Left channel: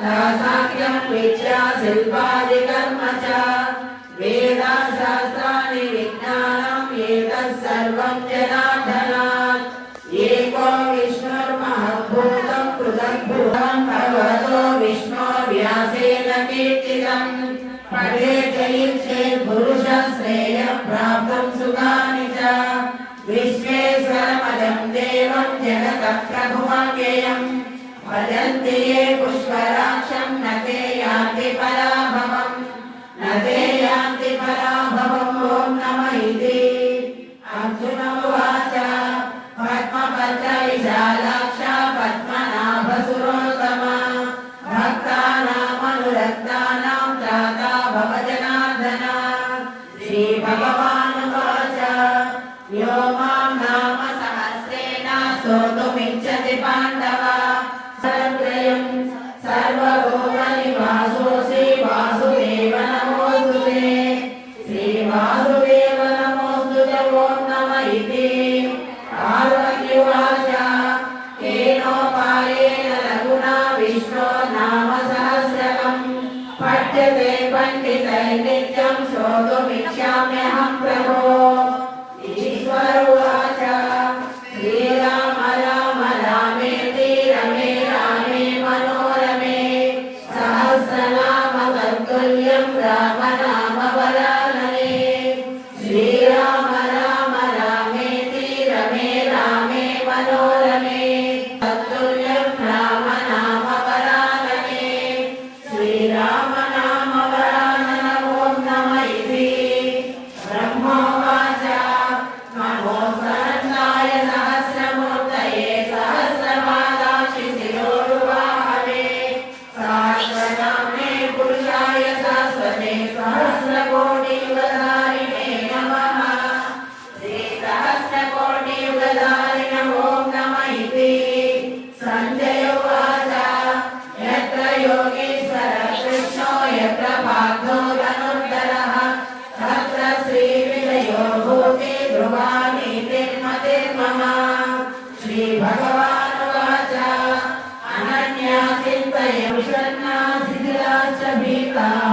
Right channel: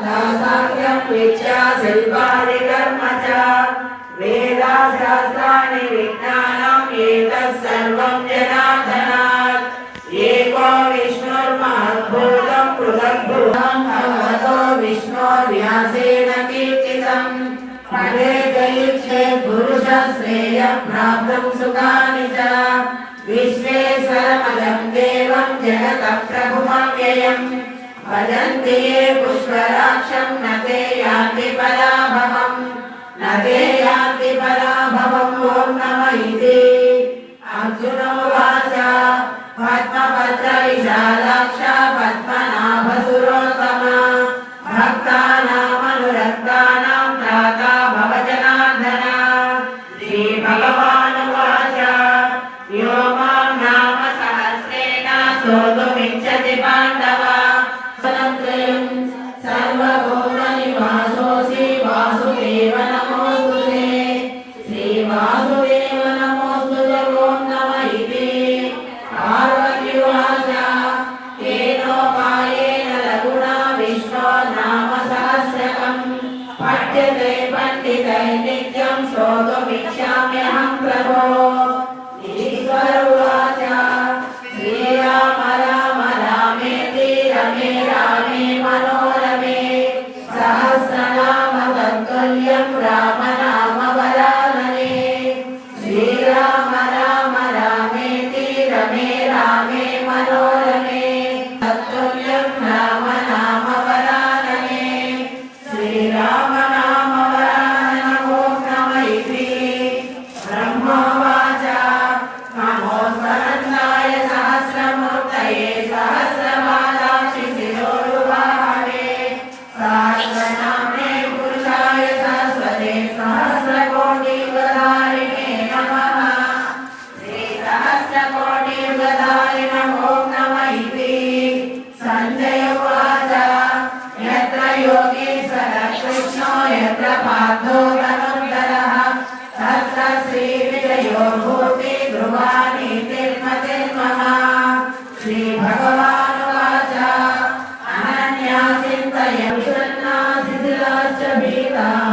साक्ष्यं विद्या शिल्पादिकर्म च वेदाशास्त्राणि विज्ञानम् एतत् सर्वं जनार्दनात् एको विष्णुर्महद्भूतं पृथग्भूतं भगवतो विष्णोर्व्यासेन कीर्तितम् पठेत् चेत् पुरुषः श्रेयः प्राप्तं सुखानि च विश्वेश्वरमजं देवं जगतः प्रभुमव्ययम् भजन्ति ये पुष्कराक्षं न ते यान्ति पराभवम् न ते यान्ति पराभवम् ॐ नमः इति अर्जुन उवाच पद्मपत्रविशालाक्ष पद्मनाभसुरोत्तमा भक्तानामनुरक्तानां त्राता भव जनार्दन श्रीभगवानुवाच यो मां नाम सहस्रेण स्तोतुमिच्छति पाण्डव सर्वभूतनिवासोऽसि वासुदेव नमोऽस्तुते श्रीवासुदेव नमोऽस्तुते ॐ नमः इति पार्वत्युवाच केनोपायेन लघुना विष्णो नाम सहस्रकम् पठ्यते पण्डितैर्नित्यं श्रोतुमिच्छाम्यहं प्रभो ईश्वर उवाच श्रीराम राम रामेति रमे रामे मनोरमे सहस्रनाम तत्तुल्यं राम नाम वरानने श्रीराम राम रामेति रमे रामे मनोरमे तत्तुल्यं राम नाम वरानने श्रीराम नाम वरानन ॐ नमः इति ब्रह्मोवाच नमोऽस्तुताय सहस्रमूर्तये सहस्रपादाक्षि शिरोरुवाहने सहस्रनाम्ने पुरुषाय सरस्वते सहस्रकोटियुगधारिणे नमः श्रीसहस्रकोटियुगधारिण ॐ नमः इति सञ्जय उवाच यत्र योगेश्वरः कृष्णो यत्र पार्थो धनुर्धरः तत्र श्रीविजयो भूति ध्रुवानीतिर्मतिर्मम श्रीभगवानुवाच अनन्या चिन्तय विषण्णा शिथिलाश्च भीताः